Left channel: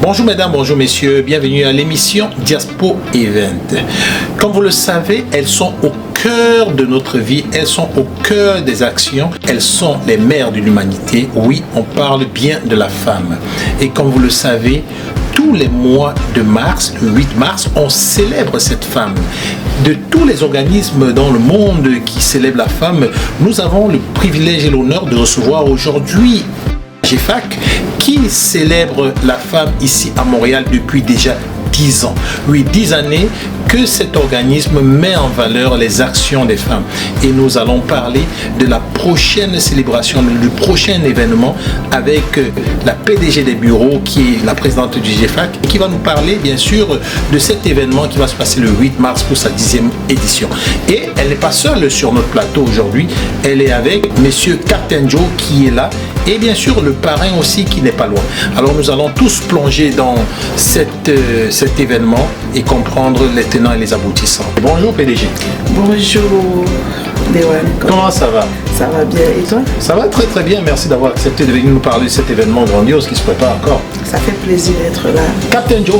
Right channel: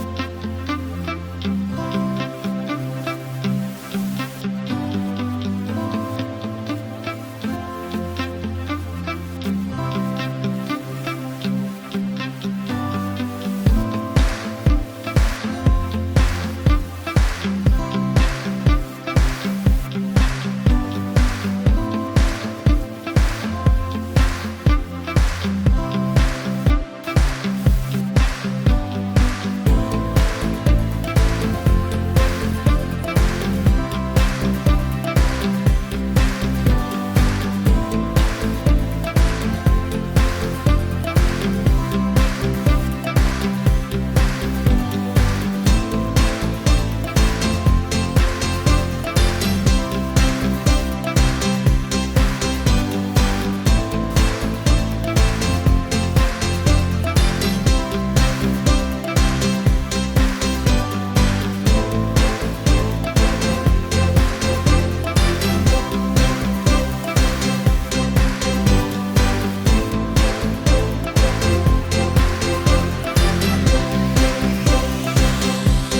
Bonjour mesdames, bonjour messieurs, bienvenue à l'émission Diaspo Event. Comme vous le savez, elles sont au cœur de notre vie, elles sont au cœur des actions, elles sont les mères de l'humanité. Oui, on parle bien de la femme. Et comme vous le savez, tous les mois de mars, le 8 mars, on célèbre cette femme. De tous les organismes dans le monde qui célèbrent la femme, nous avons le privilège et l'honneur de recevoir aujourd'hui GEFAC qui célèbre la femme ici à Montréal depuis déjà 10 ans. Oui, 10 années que cet organisme met en valeur les actions des femmes. Et nous allons parler de la prochaine célébration, du prochain événement avec la PDG des bureaux qui est la présidente du GEFAC et qui va nous parler bien sûr de cet événement qui va se passer le 8 mars pour sa 10e édition. Et elle n'est pas seule sur notre plateau aujourd'hui, elle est avec Monsieur Captain Joe qui est là et bien sûr le parrain aussi qui n'est pas loin. Alors nous allons tous plonger dans cet événement et comprendre les tenants et les aboutissants. Bonjour PDG. Bonjour Dewan. Comment ça va? Ça va bien et toi? Ça va très très bien, merci d'avoir accepté de venir nous parler de cet événement grandiose qui se prépare encore. Ça fait plaisir d'être là. Captain Joe.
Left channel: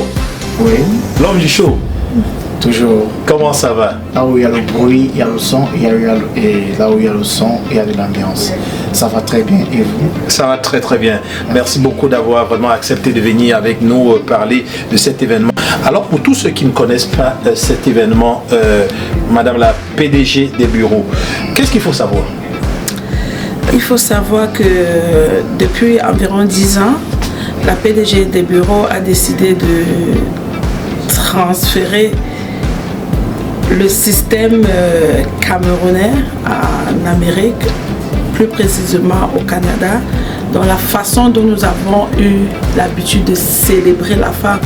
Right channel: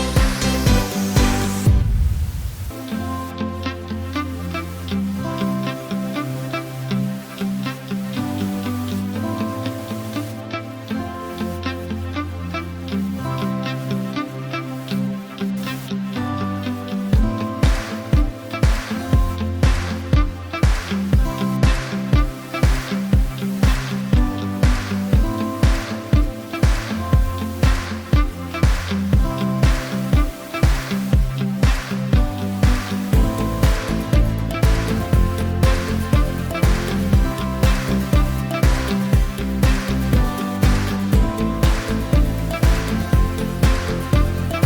Oui. L'homme du show. Toujours. Comment ça va? Là où il y a le bruit, il y a le son, et là où il y a le son, il y a de l'ambiance. Ça va très bien. Et vous? Ça va très très bien. Merci beaucoup d'avoir vraiment accepté de venir avec nous parler de cet événement. Alors pour tous ceux qui ne connaissent pas cet événement, Madame la PDG des bureaux, qu'est-ce qu'il faut savoir? Il faut savoir que depuis environ 10 ans, la PDG des bureaux a décidé de transférer le système camerounais en Amérique, plus précisément au Canada, dans la façon dont nous avons eu l'habitude de célébrer la femme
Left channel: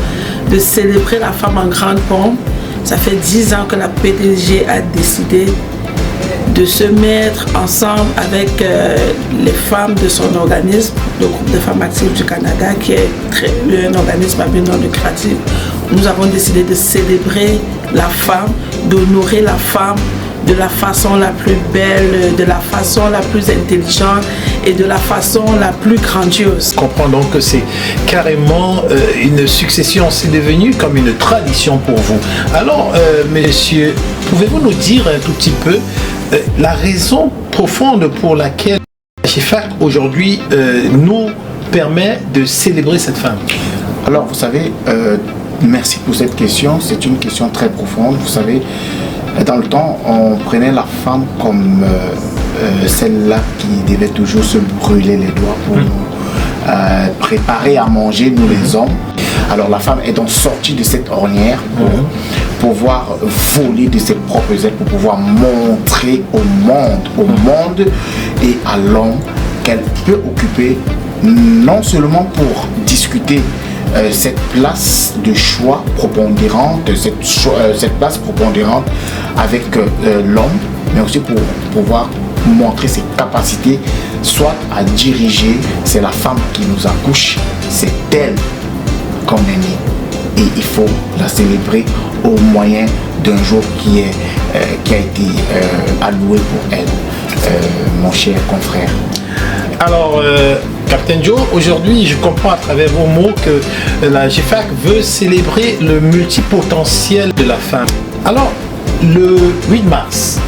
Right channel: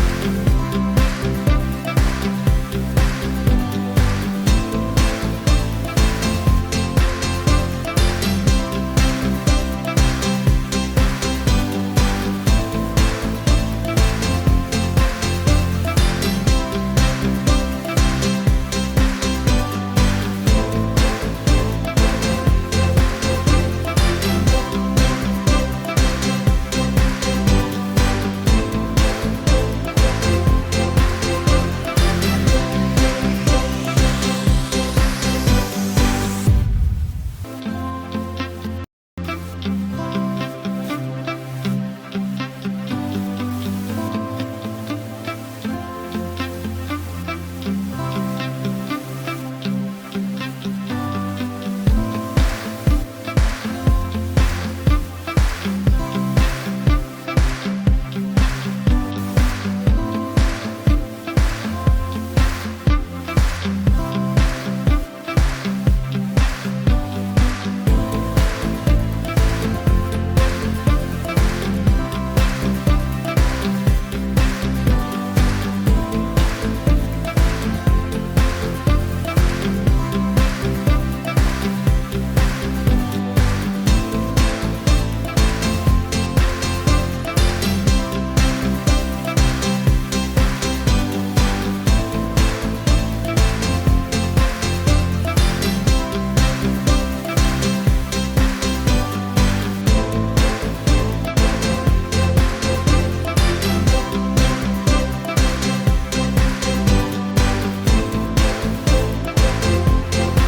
en grande pompe. Ça fait 10 ans que la PDG a décidé de se mettre ensemble avec les femmes de son organisme, le groupe de femmes actives du Canada, qui est un organisme à but non lucratif. Nous avons décidé de célébrer la femme, d'honorer la femme de la façon la plus belle, de la façon la plus intelligente et de la façon la plus grandiose. Je comprends donc que c'est carrément une succession, c'est devenu comme une tradition pour vous. Alors, messieurs, pouvez-vous nous dire un tout petit peu la raison profonde pour laquelle GEFAC aujourd'hui nous permet de célébrer cette femme? Alors, vous savez, merci pour cette question. C'est une question très profonde. Vous savez, dans le temps, on prenait la femme comme celle-là qui devait toujours se brûler les doigts pour nous préparer à manger, nous les hommes. Alors la femme est donc sortie de cette ornière pour pouvoir voler de ses propres ailes, pour pouvoir montrer au monde et à l'homme qu'elle peut occuper non seulement pour discuter cette place de choix prépondérante, cette place prépondérante avec l'homme, mais aussi pour pouvoir montrer ses capacités, soit à diriger. C'est la femme qui nous accouche, c'est elle qu'on est né. Et il faut la célébrer au moyen d'un jour qui a été alloué pour elle, mon cher confrère. Alors, Captain Joe, aujourd'hui, je comprends à travers vos mots que la GEFAC veut célébrer le multipotentiel de la femme. Alors, le 8 mars,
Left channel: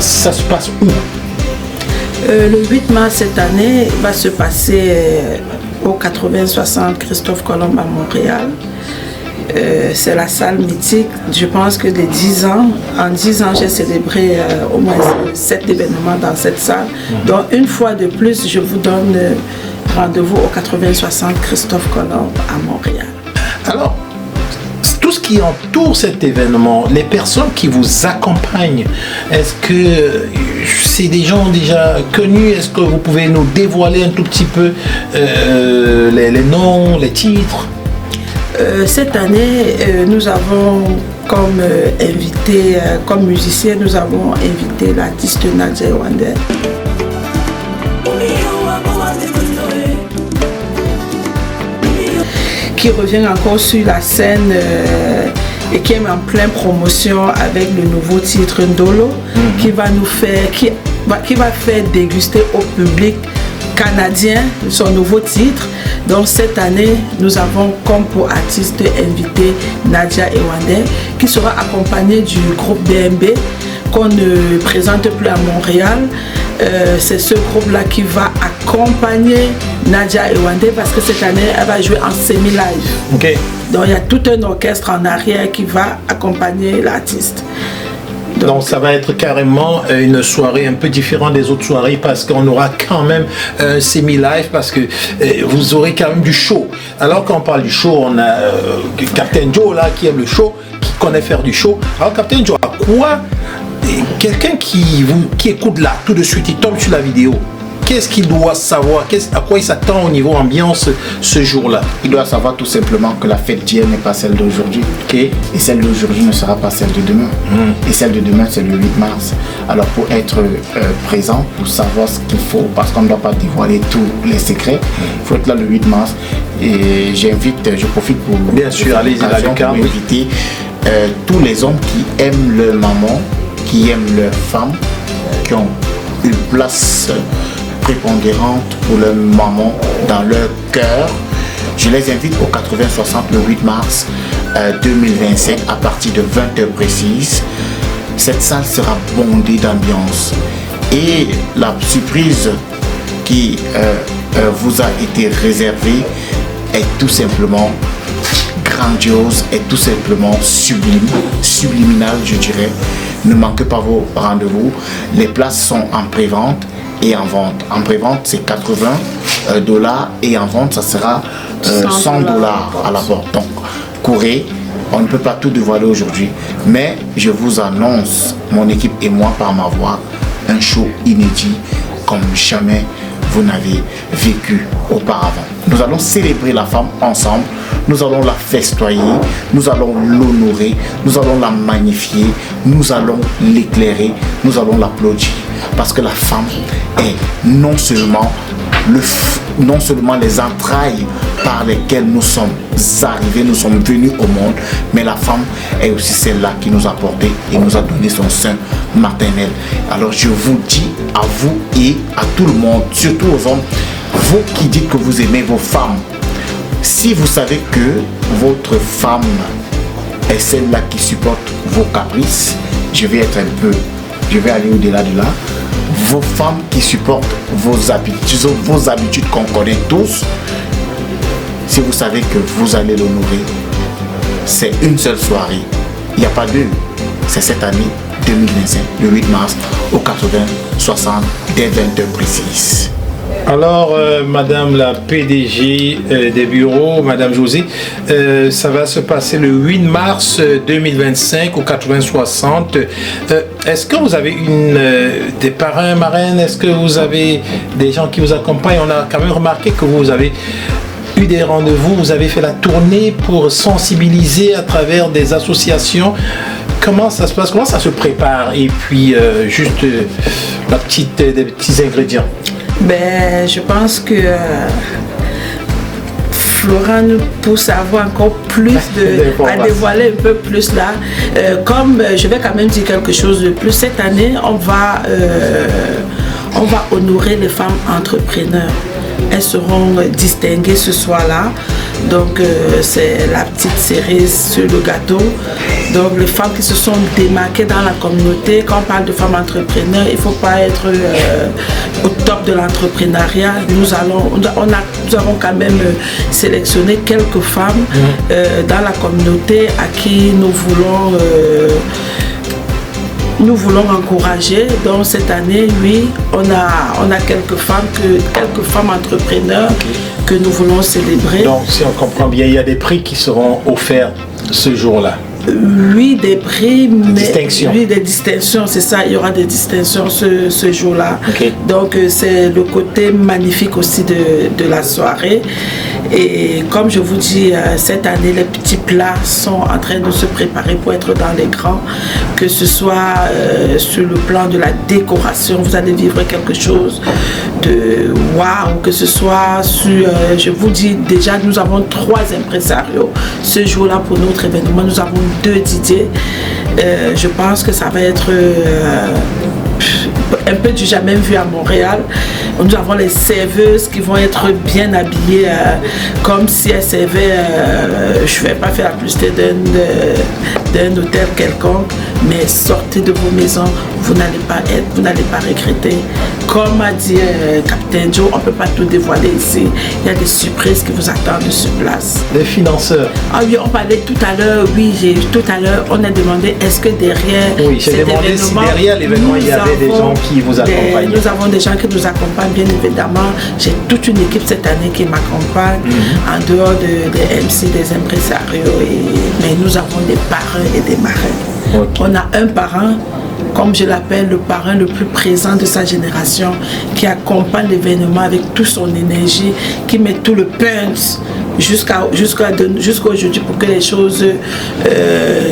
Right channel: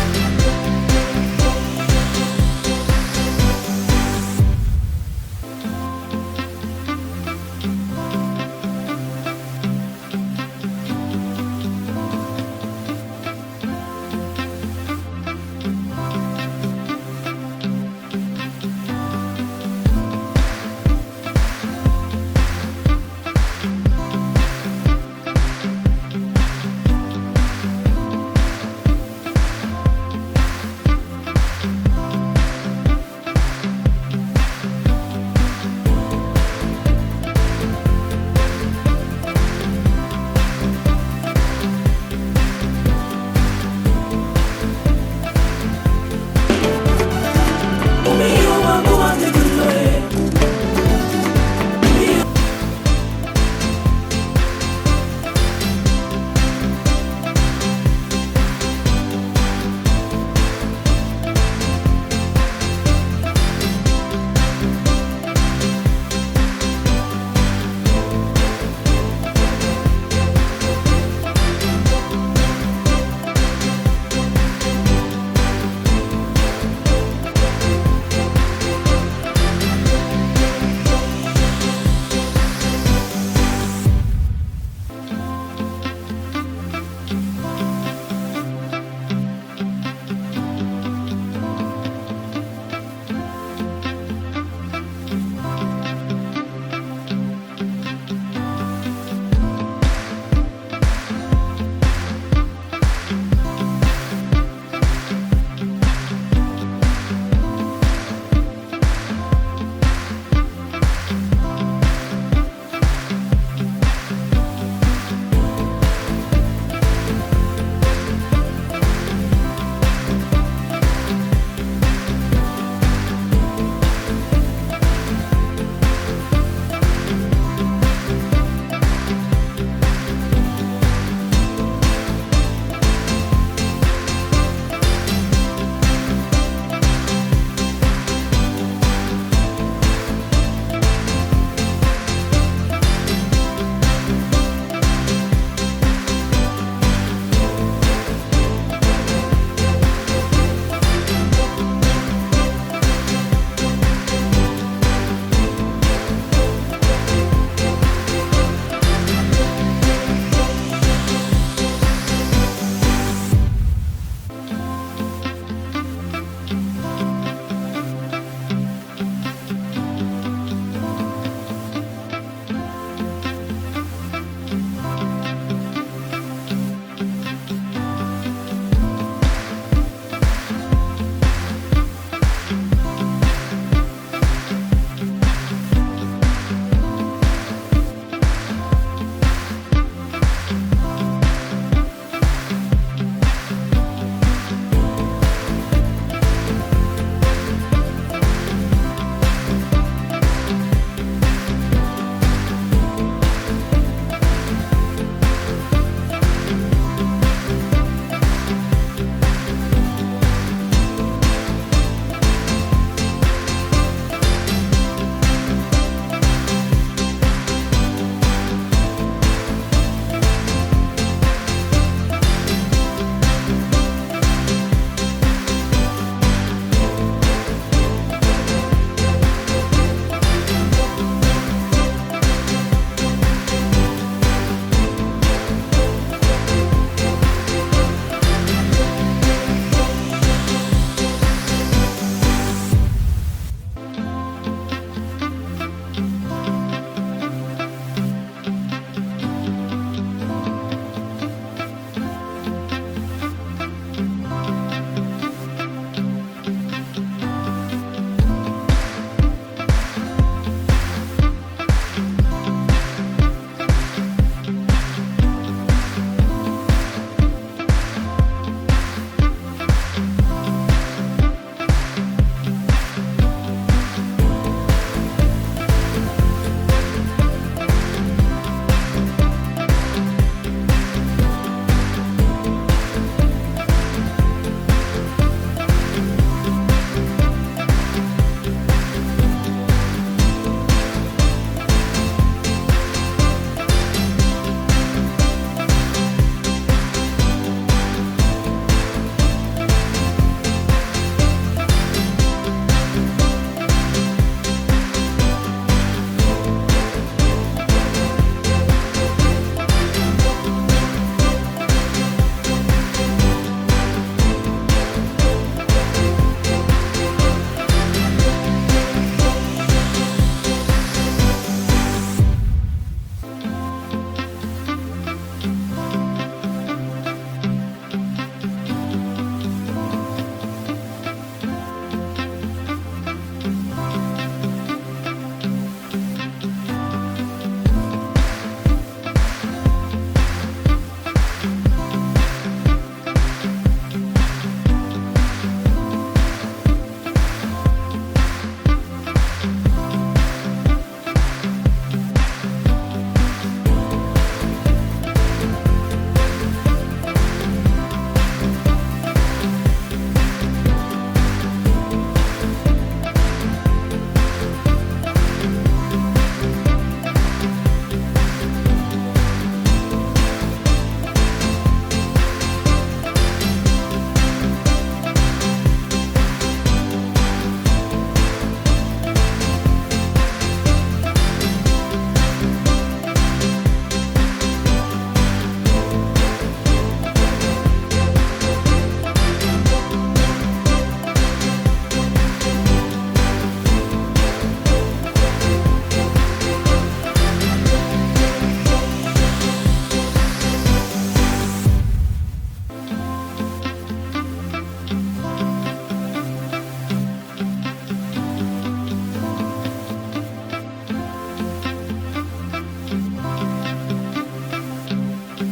ça se passe où? Le 8 mars cette année va se passer au 80-60 Christophe Colomb à Montréal. C'est la salle mythique. Je pense que des 10 ans, en 10 ans, j'ai célébré au moins 7 événements dans cette salle. Donc une fois de plus, je vous donne rendez-vous au 80-60 Christophe Colomb à Montréal. Alors, tout ce qui entoure cet événement, les personnes qui vous accompagnent, est-ce que c'est des gens déjà connus? Est-ce que vous pouvez nous dévoiler un tout petit peu les noms, les titres? Cette année, nous avons comme invité, comme musicien, nous avons invité l'artiste Nadia Wande, qui revient encore sur la scène et qui est en pleine promotion avec le nouveau titre Ndolo, qui va faire déguster au public canadien son nouveau titre. Donc cette année, nous avons comme pour artiste invité Nadia Ewande, qui sera accompagnée du groupe DMB qu'on ne présente plus à Montréal. C'est ce groupe-là qui va accompagner Nadia Ewande parce que cette année, elle va jouer en semi-live. Okay. Donc il y a tout un orchestre en arrière qui va accompagner l'artiste. Donc ça va être carrément une soirée un peu différente des autres soirées parce qu'on aura quand même un semi-live parce que vous aurez quand même du show. Alors quand on parle du show, on a Captain Joe là qui aime le show, qui connaît faire du show. Alors Captain Joe, à quoi quelqu'un qui écoute là tout de suite, il tombe sur la vidéo, qu'est-ce qu'il doit savoir, à quoi il s'attend au niveau ambiance ce jour-là? Il doit savoir tout simplement que la fête d'hier n'est pas celle d'aujourd'hui. Okay. Et celle d'aujourd'hui ne sera pas celle de demain. Et celle de demain, c'est le 8 mars. Alors pour être présent, pour savoir ce qu'il faut, parce qu'on ne doit pas dévoiler tous les secrets, il faut être là le 8 mars. Et je profite pour bien sûr, allez-y, pour inviter tous les hommes qui aiment leur maman, qui aiment leur femme, qui ont une place prépondérante pour leur maman dans leur cœur. Je les invite au 80-60 le 8 mars 2025 à partir de 20h précises. Cette salle sera bondée d'ambiance. Et la surprise qui vous a été réservée est tout simplement grandiose, est tout simplement subliminale, je dirais. Ne manquez pas vos rendez-vous. Les places sont en pré-vente et en vente. En pré-vente, c'est $80 et en vente, ça sera $100 à la porte. Donc, courez. On ne peut pas tout dévoiler aujourd'hui, mais je vous annonce, mon équipe et moi par ma voix, un show inédit comme jamais vous n'avez vécu auparavant. Nous allons célébrer la femme ensemble. Nous allons la festoyer, nous allons l'honorer, nous allons la magnifier, nous allons l'éclairer, nous allons l'applaudir. Parce que la femme est non seulement les entrailles par lesquelles nous sommes arrivés, nous sommes venus au monde, mais la femme est aussi celle-là qui nous a porté et nous a donné son sein maternel. Alors je vous dis à vous et à tout le monde, surtout aux hommes, vous qui dites que vous aimez vos femmes, si vous savez que votre femme est celle-là qui supporte vos caprices, je vais aller au-delà de là. Vos femmes qui supportent vos habitudes qu'on connaît tous, si vous savez que vous allez l'honorer, c'est une seule soirée. Il n'y a pas deux. C'est cette année 2025, le 8 mars, au 80-60, dès 20h précises. Alors, Madame la PDG des bureaux, Madame Josée, ça va se passer le 8 mars 2025 au 80-60. Est-ce que vous avez des parrains, marraines? Est-ce que vous avez des gens qui vous accompagnent? On a quand même remarqué que vous avez eu des rendez-vous, vous avez fait la tournée pour sensibiliser à travers des associations. Comment ça se passe? Comment ça se prépare? Et puis, juste des petits ingrédients. Ben, je pense que Florent nous pousse à avoir encore plus à dévoiler un peu plus là. Comme je vais quand même dire quelque chose de plus, cette année, on va honorer les femmes entrepreneurs. Elles seront distinguées ce soir-là. Donc, c'est la petite cerise sur le gâteau. Donc, les femmes qui se sont démarquées dans la communauté, quand on parle de femmes entrepreneurs, il ne faut pas être au top de l'entrepreneuriat. Nous avons quand même sélectionné quelques femmes dans la communauté à qui nous voulons encourager. Donc cette année, oui, on a quelques femmes entrepreneurs que nous voulons célébrer. Donc si on comprend bien, il y a des prix qui seront offerts ce jour-là. Oui, des prix, mais des distinctions, c'est ça, il y aura des distinctions ce jour-là. Okay. Donc c'est le côté magnifique aussi de la soirée. Et comme je vous dis, cette année, les petits plats sont en train de se préparer pour être dans les grands. Que ce soit sur le plan de la décoration, vous allez vivre quelque chose de waouh. Que ce soit sur, je vous dis déjà, nous avons 3 impresarios ce jour-là pour notre événement. Nous avons 2 DJ. Je pense que ça va être un peu du jamais vu à Montréal. Nous avons les serveuses qui vont être bien habillées comme si elles servaient, je ne vais pas faire la publicité d'un hôtel quelconque, mais sortez de vos maisons, vous n'allez pas regretter. Comme a dit Capitaine Joe, on ne peut pas tout dévoiler ici. Il y a des surprises qui vous attendent sur place. Les financeurs. Ah oui, on parlait tout à l'heure, on a demandé est-ce que derrière oui, j'ai demandé si derrière l'événement il y avait des gens qui vous accompagnent. Nous avons des gens qui nous accompagnent, bien évidemment. J'ai toute une équipe cette année qui m'accompagne, en dehors des MC, des impresarios. Mais nous avons des parrains et des marraines. Okay. On a un parrain, comme je l'appelle, le parrain le plus présent de sa génération, qui accompagne l'événement avec toute son énergie, qui met tout le punch jusqu'à aujourd'hui pour que les choses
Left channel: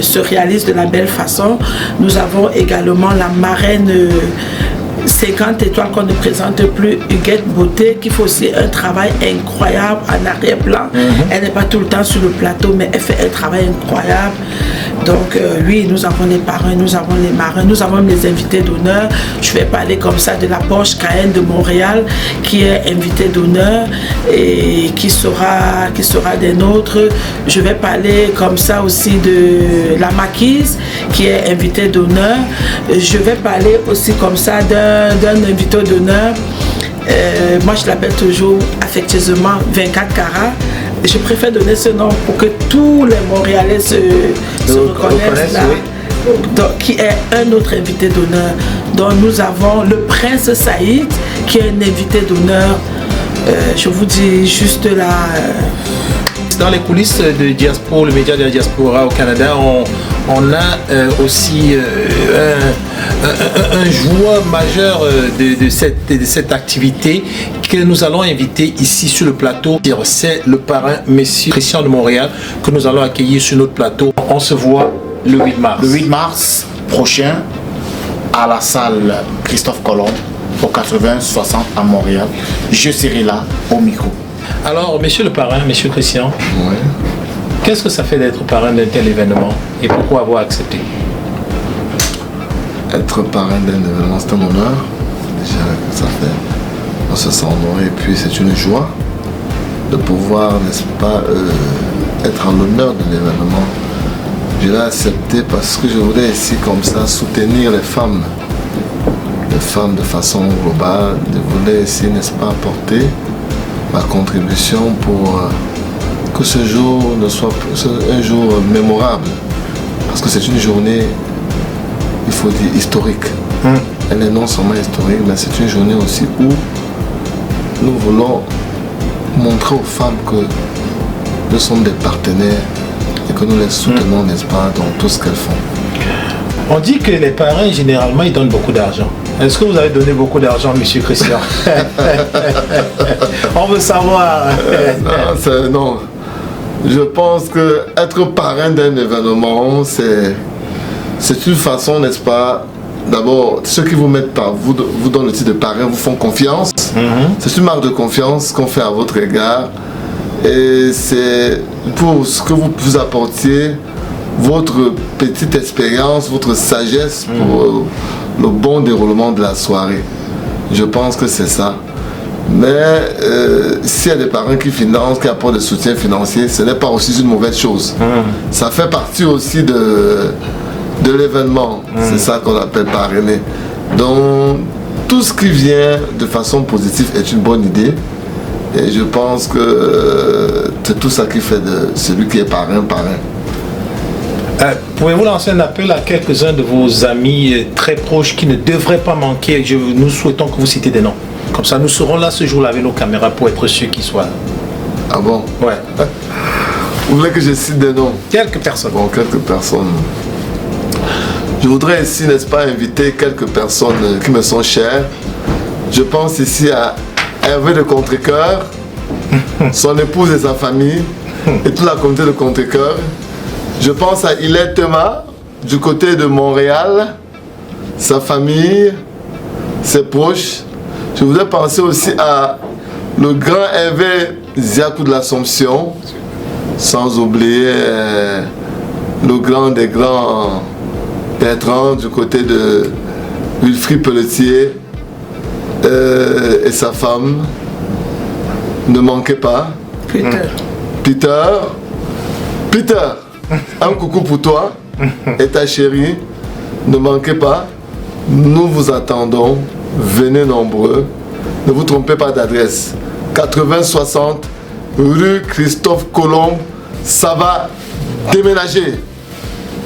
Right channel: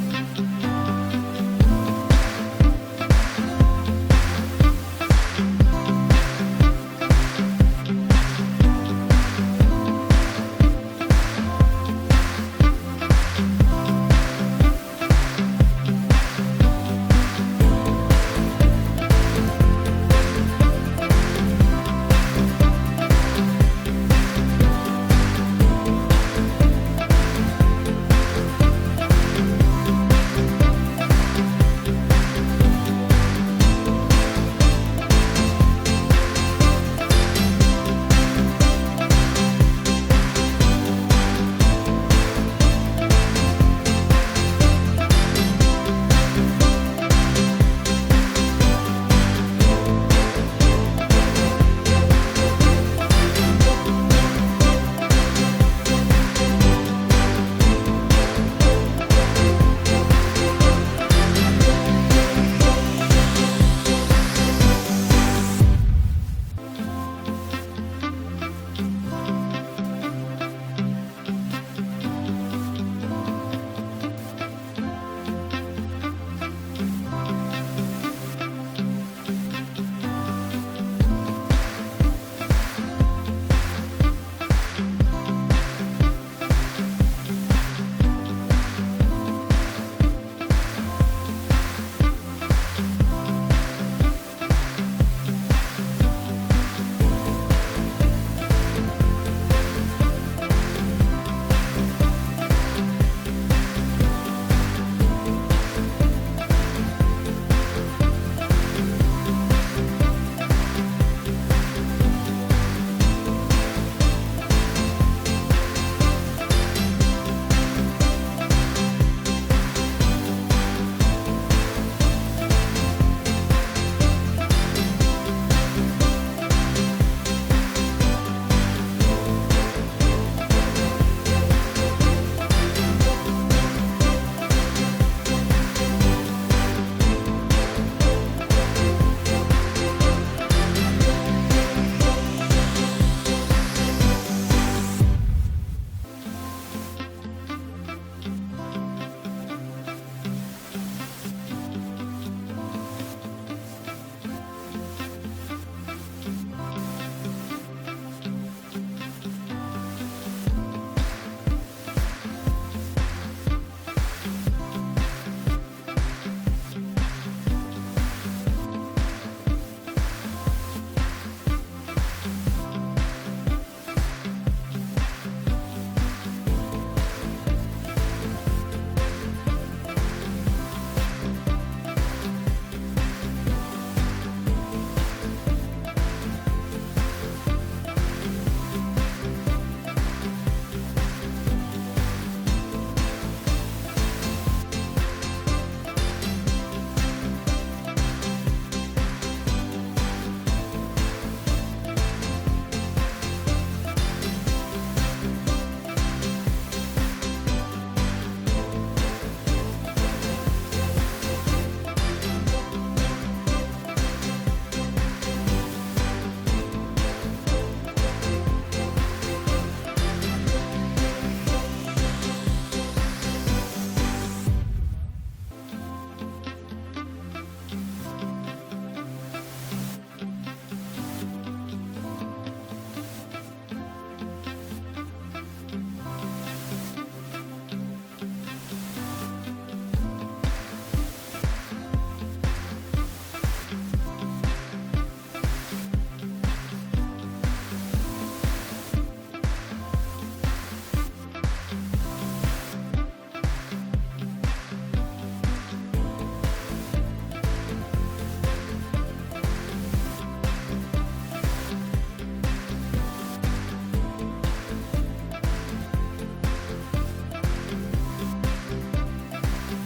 se réalisent de la belle façon. Nous avons également la marraine 50 étoiles qu'on ne présente plus, Huguette Beauté, qui fait aussi un travail incroyable en arrière-plan. Elle n'est pas tout le temps sur le plateau, mais elle fait un travail incroyable. Donc oui, nous avons les parrains, nous avons les marrains, nous avons les invités d'honneur. Je vais parler comme ça de la Porsche Cayenne de Montréal, qui est invité d'honneur et qui sera des nôtres. Je vais parler comme ça aussi de la Maquise, qui est invité d'honneur. Je vais parler aussi comme ça d'un invité d'honneur. Moi, je l'appelle toujours affectueusement 24 carats. Je préfère donner ce nom pour que tous les Montréalais se reconnaissent là. Oui. Donc, qui est un autre invité d'honneur. Donc nous avons le Prince Saïd, qui est un invité d'honneur. Je vous dis juste là. Dans les coulisses de Diaspora, le média de la diaspora au Canada, on a aussi un joueur majeur de cette activité que nous allons inviter ici sur le plateau. C'est le parrain Monsieur Christian de Montréal que nous allons accueillir sur notre plateau. On se voit le 8 mars. Le 8 mars prochain à la salle Christophe Colomb au 80-60 à Montréal. Je serai là au micro. Alors, monsieur le parrain, monsieur Christian, oui. Qu'est-ce que ça fait d'être parrain d'un tel événement et pourquoi avoir accepté? Être parrain d'un événement, c'est un honneur. Déjà, ça fait, on se sent honoré et puis c'est une joie de pouvoir, n'est-ce pas, être en l'honneur de l'événement. Je l'ai accepté parce que je voulais ici, comme ça, soutenir les femmes de façon globale. Je voulais ici, n'est-ce pas, apporter ma contribution pour que ce jour ne soit un jour mémorable. Parce que c'est une journée, il faut dire, historique. Elle est non seulement historique, mais c'est une journée aussi où nous voulons montrer aux femmes que nous sommes des partenaires et que nous les soutenons, n'est-ce pas, dans tout ce qu'elles font. On dit que les parrains, généralement, ils donnent beaucoup d'argent. Est-ce que vous avez donné beaucoup d'argent, monsieur Christian? On veut savoir. Non. Je pense qu'être parrain d'un événement, c'est une façon, n'est-ce pas? D'abord, ceux qui vous mettent par vous donnent le titre de parrain, vous font confiance. C'est une marque de confiance qu'on fait à votre égard. Et c'est pour ce que vous apportiez, votre petite expérience, votre sagesse pour le bon déroulement de la soirée. Je pense que c'est ça. Mais s'il y a des parrains qui financent, qui apportent des soutiens financiers, ce n'est pas aussi une mauvaise chose. Ça fait partie aussi de l'événement. C'est ça qu'on appelle parrainer. Donc, tout ce qui vient de façon positive est une bonne idée. Et je pense que c'est tout ça qui fait de celui qui est parrain. Pouvez-vous lancer un appel à quelques-uns de vos amis très proches qui ne devraient pas manquer? Nous souhaitons que vous citez des noms. Comme ça, nous serons là ce jour-là avec nos caméras pour être sûrs qu'ils soient. Ah bon? Ouais. Vous voulez que je cite des noms? Quelques personnes. Bon, quelques personnes. Je voudrais ici, n'est-ce pas, inviter quelques personnes qui me sont chères. Je pense ici à Hervé de Contrecoeur, son épouse et sa famille, et toute la communauté de Contrecoeur. Je pense à Hilaire Thomas, du côté de Montréal, sa famille, ses proches. Je voudrais penser aussi à le grand Hervé Ziakou de l'Assomption, sans oublier le grand des grands Bertrand du côté de Wilfrid Pelletier et sa femme. Ne manquez pas. Peter, un coucou pour toi et ta chérie. Ne manquez pas. Nous vous attendons. Venez nombreux. Ne vous trompez pas d'adresse. 80-60 rue Christophe Colomb. Ça va déménager.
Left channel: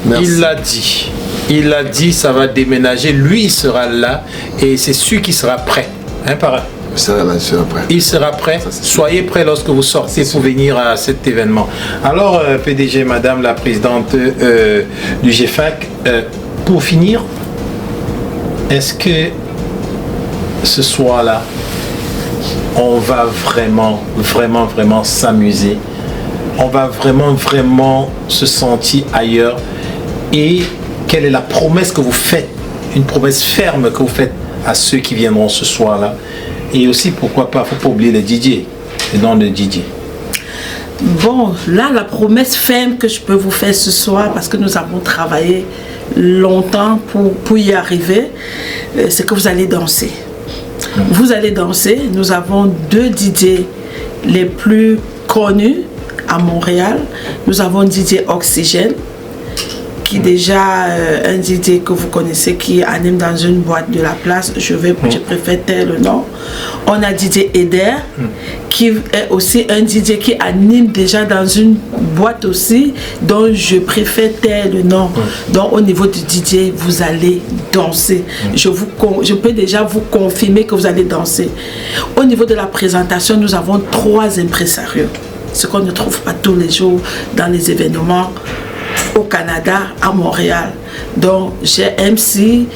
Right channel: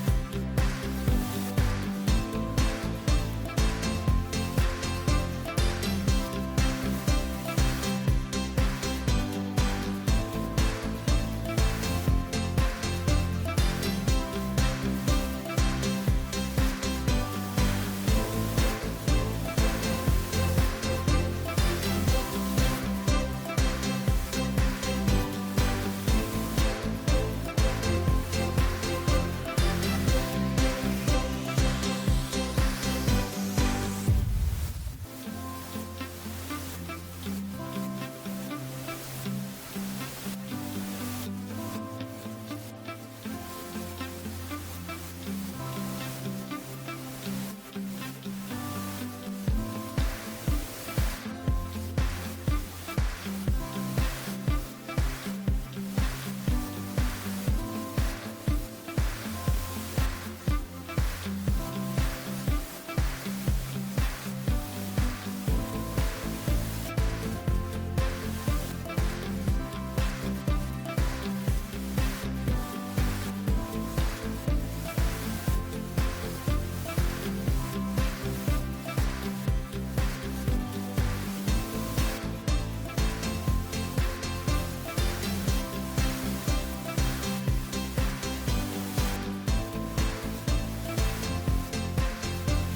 Merci. Il l'a dit, ça va déménager. Lui, il sera là et c'est sûr qu'il sera prêt. Hein, parrain? Il sera là, il sera prêt. Soyez prêts lorsque vous sortez pour venir à cet événement. Alors, PDG, Madame la Présidente du GFAC, pour finir, est-ce que ce soir-là, on va vraiment s'amuser? On va vraiment se sentir ailleurs? Et quelle est la promesse que vous faites, une promesse ferme que vous faites à ceux qui viendront ce soir-là? Et aussi, pourquoi pas, il ne faut pas oublier les DJ, les noms de DJ. Bon, là, la promesse ferme que je peux vous faire ce soir, parce que nous avons travaillé longtemps pour y arriver, c'est que vous allez danser. Vous allez danser. Nous avons 2 DJ les plus connus à Montréal. Nous avons DJ Oxygène, qui est déjà un DJ que vous connaissez, qui anime dans une boîte de la place. Je préfère taire le nom. On a DJ Eder, qui est aussi un DJ qui anime déjà dans une boîte aussi, dont je préfère taire le nom. Donc au niveau du DJ, vous allez danser. Je peux déjà vous confirmer que vous allez danser. Au niveau de la présentation, nous avons 3 impresarios, ce qu'on ne trouve pas tous les jours dans les événements au Canada, à Montréal. Donc j'ai MC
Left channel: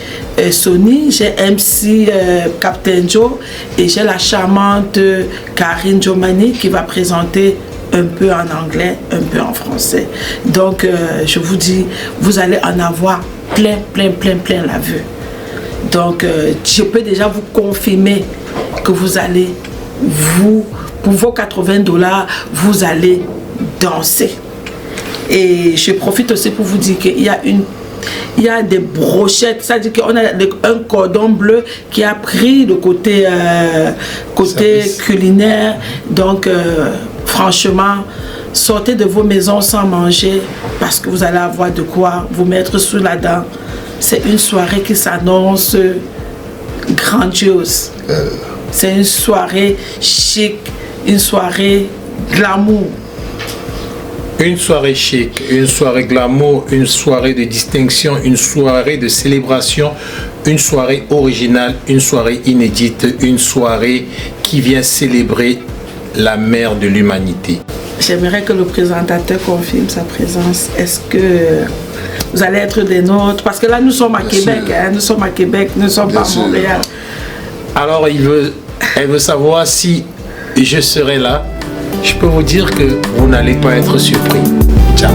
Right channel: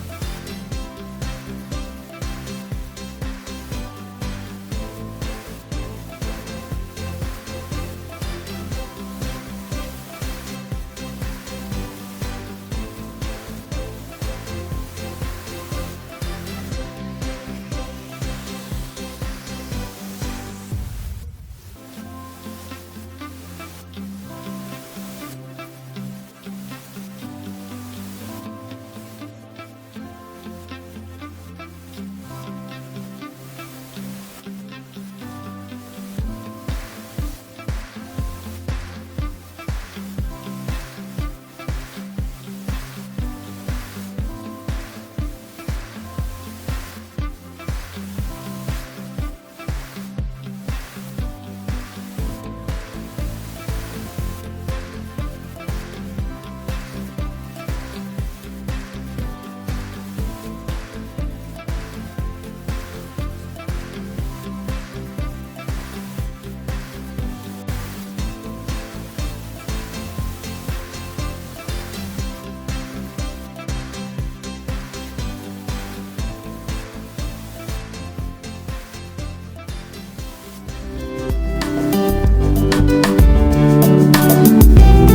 Sony, j'ai MC Captain Joe et j'ai la charmante Karine Jomani qui va présenter un peu en anglais, un peu en français. Donc je vous dis, vous allez en avoir plein la vue. Donc je peux déjà vous confirmer que vous allez, pour vos $80, vous allez danser. Et je profite aussi pour vous dire qu'il y a des brochettes, c'est-à-dire qu'on a un cordon bleu qui a pris le côté culinaire. Donc franchement, sortez de vos maisons sans manger parce que vous allez avoir de quoi vous mettre sous la dent. C'est une soirée qui s'annonce grandiose. C'est une soirée chic, une soirée glamour. Une soirée chic, une soirée glamour, une soirée de distinction, une soirée de célébration, une soirée originale, une soirée inédite, une soirée qui vient célébrer la mère de l'humanité. J'aimerais que le présentateur confirme sa présence. Est-ce que vous allez être des nôtres? Parce que là, nous sommes à Québec, nous sommes à Québec, nous ne sommes pas à Montréal. Alors, elle veut savoir si je serai là. Je peux vous dire que vous n'allez pas être surpris. Ciao.